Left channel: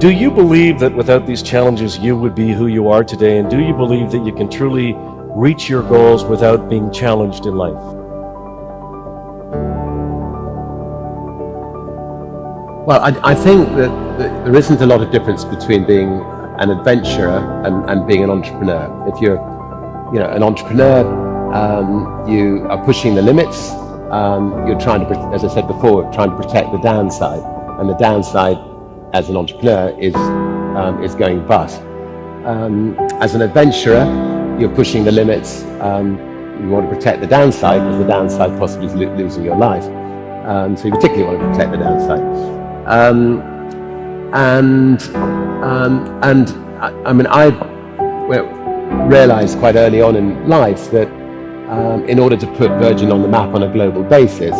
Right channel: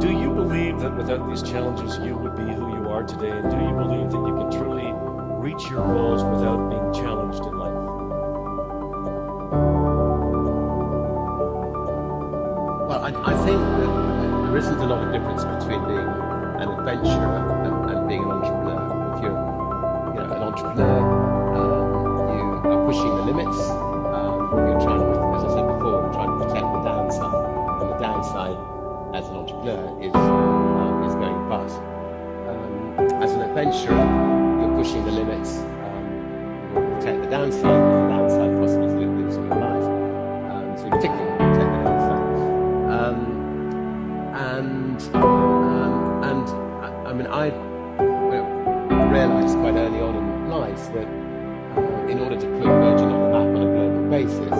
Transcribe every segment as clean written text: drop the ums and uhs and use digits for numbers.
Do you believe that without these challenges you would be who you are today? And do you believe that you can truly reach your goals without being challenged in life? Well, I think that there isn't a lot of difference between being an adventurer and being an entrepreneur. If you're an entrepreneur, you are pushing the limits. You're trying to, as I said before, trying to protect the downside. And the downside as an entrepreneur is going bust. As an adventurer, you're pushing the limits. You want to protect the downside, because the downside possibly is losing your life. So you particularly want to protect the downside. I realized quite early on in life that in order to put Virgin on the map on a global basis,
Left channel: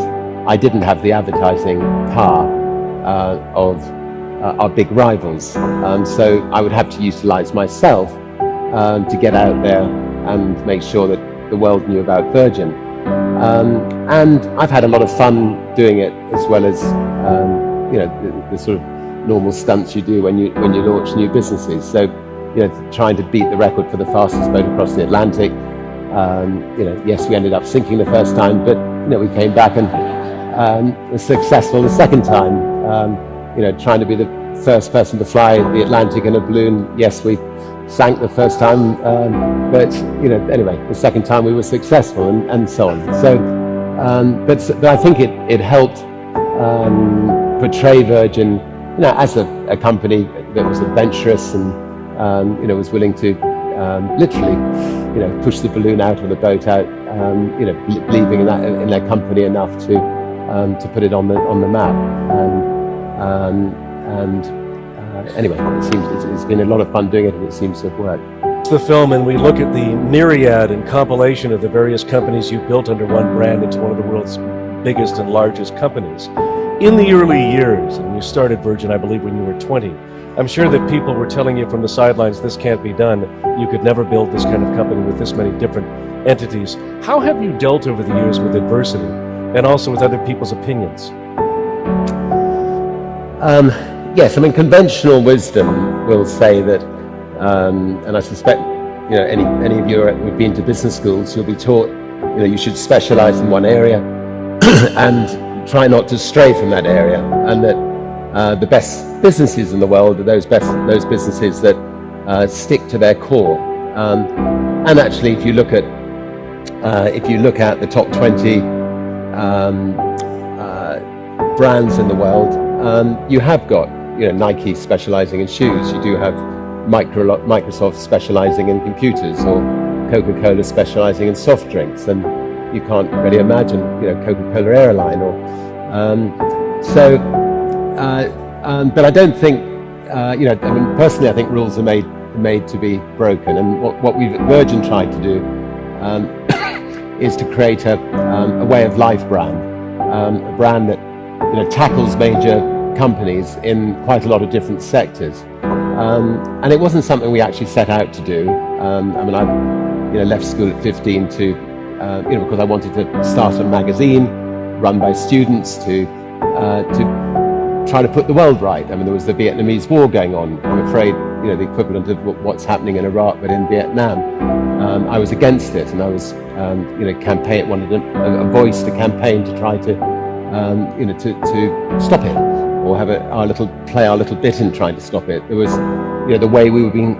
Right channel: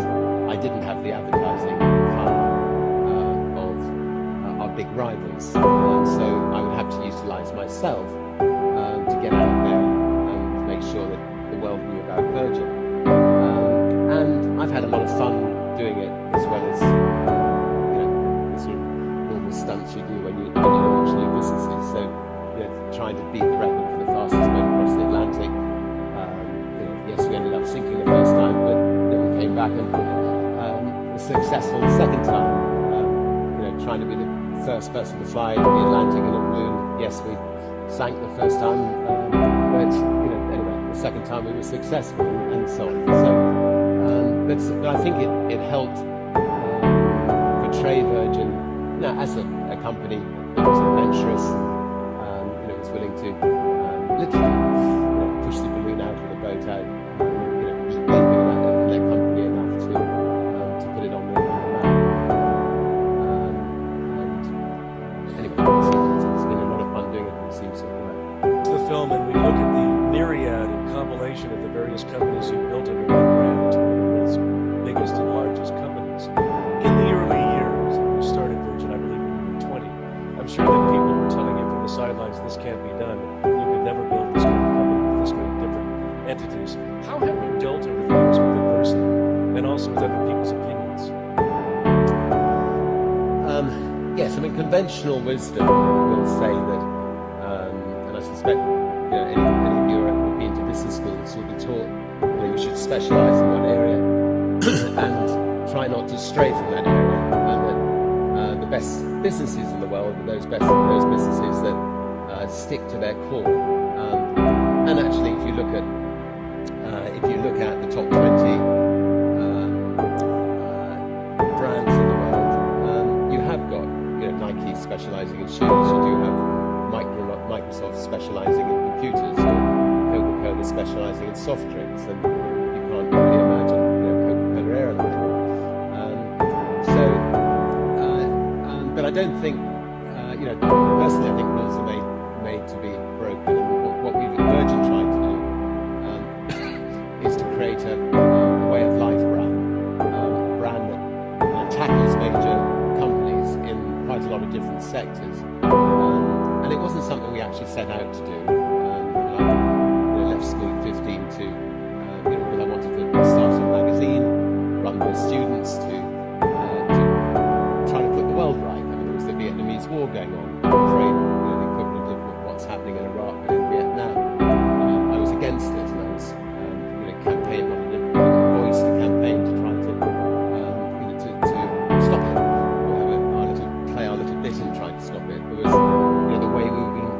I didn't have the advertising power of our big rivals. So I would have to utilize myself to get out there and make sure that the world knew about Virgin. And I've had a lot of fun doing it, as well as the sort of normal stunts you do when you launch new businesses. So trying to beat the record for the fastest boat across the Atlantic. Yes, we ended up sinking the first time, but we came back and were successful the second time. Trying to be the first person to fly the Atlantic in a balloon. Yes, we sank the first time, but anyway, the second time we were successful, and so on. So, but I think it helped portray Virgin, as a company that was adventurous and was willing to literally, push the balloon out or the boat out, believing in their company enough to put it on the map. Anyway, it's been a lot of fun doing it, and it seems to have worked. The film, and we look at the myriad and compilation of the various companies you built under one brand into one of the world's biggest and largest companies. In the early years, and you started Virgin, I believe, when you were 20, I'm sure that people were telling you from the sidelines, this can't be done. You could never build this kind of company with this many different entities. How have you dealt over the years with adversity and also with other people's opinions? Yes, conventional wisdom will say that, and I suspect, any of you who've been to business schools, you'll be taught, you should specialize in one area and try not to stray from that area, and that the best businesses in the world are those businesses that stick to their core. And actually, if you look at the top 20 brands in the world, you have got Nike specializing in shoes. You do have Microsoft specializing in computers, or Coca-Cola specializing in soft drinks, and you can't really imagine Coca-Cola airline. Or but I don't think personally, I think rules are made to be broken, and what we've at Virgin tried to do is to create a way of life brand, a brand that tackles major companies in quite a lot of different sectors, and it wasn't something we actually set out to do. I left school at 15 to because I wanted to start a magazine run by students to try to put the world right. There was the Vietnamese War going on. I'm afraid the equivalent of what's happening in Iraq, but in Vietnam. I was against it, and I was wanted a voice to campaign to try to to stop it, or have play our little bit in trying to stop it. There was the way we were being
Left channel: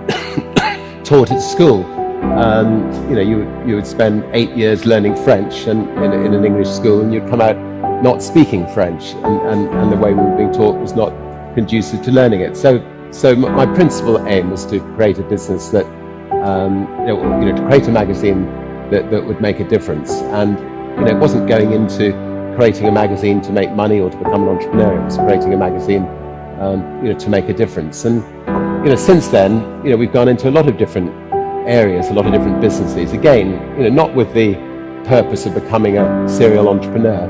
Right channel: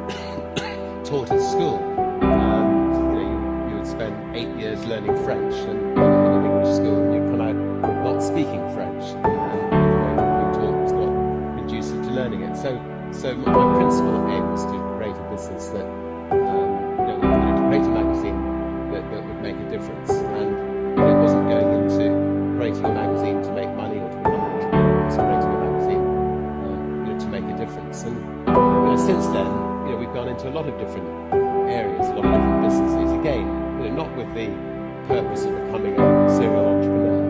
taught at school. You would spend 8 years learning French in an English school, and you'd come out not speaking French, and the way we were being taught was not conducive to learning it. So my principal aim was to create a business that, to create a magazine that would make a difference. And it wasn't going into creating a magazine to make money or to become an entrepreneur. It was creating a magazine, to make a difference. And since then, we've gone into a lot of different areas, a lot of different businesses. Again, not with the purpose of becoming a serial entrepreneur,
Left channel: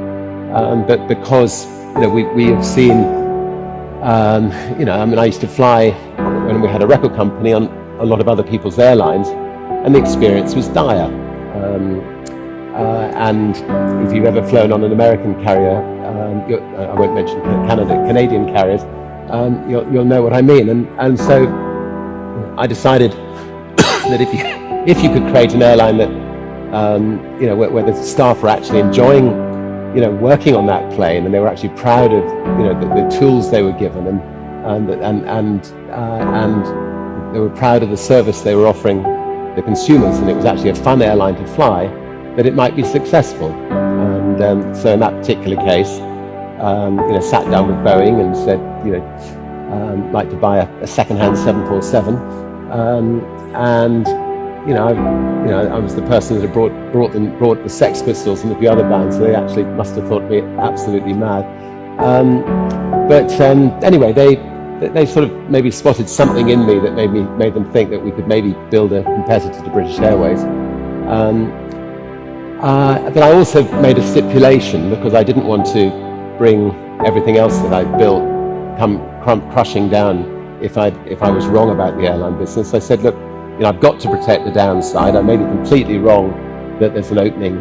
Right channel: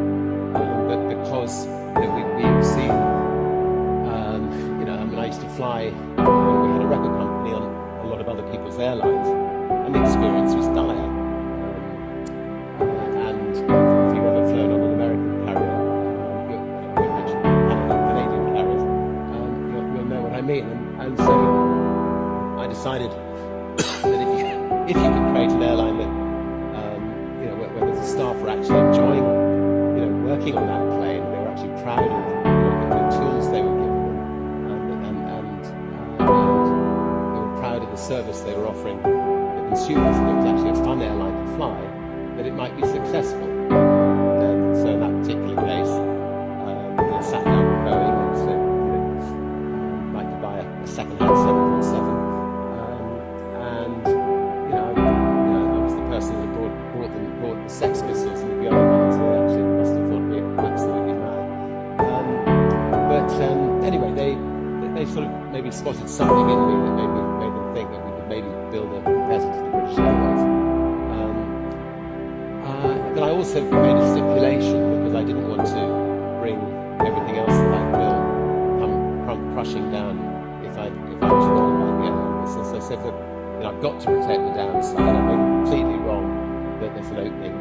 but because we have seen. I used to fly when we had a record company on a lot of other people's airlines, and the experience was dire. And if you've ever flown on an American carrier, I won't mention Canadian carriers, you'll know what I mean. And so I decided that if you could create an airline that where the staff were actually enjoying working on that plane, and they were actually proud of the tools they were given, and they were proud of the service they were offering the consumers, and it was actually a fun airline to fly, that it might be successful. And so in that particular case, sat down with Boeing and said, like to buy a second-hand 747, and I was the person that had brought the Sex Pistols and a few other bands, so they actually must have thought me absolutely mad. Anyway, they sort of maybe spotted something in me that made them think that we could maybe build a competitor to British Airways. But I also made a stipulation, because I didn't want to bring everything else that I'd built come crushing down if I was wrong about the airline business. I said, look, I've got to protect the downside. I may be completely wrong that there's an opening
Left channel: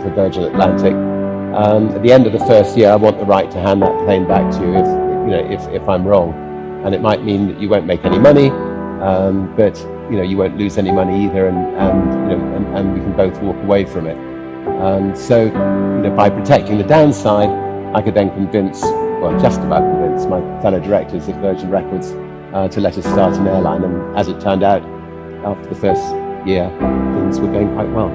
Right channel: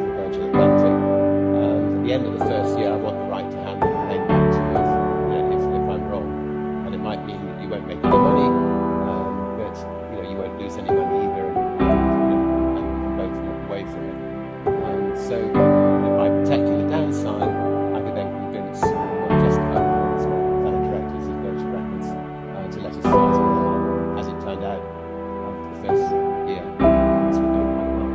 for Virgin Atlantic. At the end of the first year, I want the right to hand that plane back to you if I'm wrong. And it might mean that you won't make any money, but you won't lose any money either, and we can both walk away from it. So by protecting the downside, I could then just about convince my fellow directors at Virgin Records to let us start an airline. And as it turned out, after the first year, things were going quite well.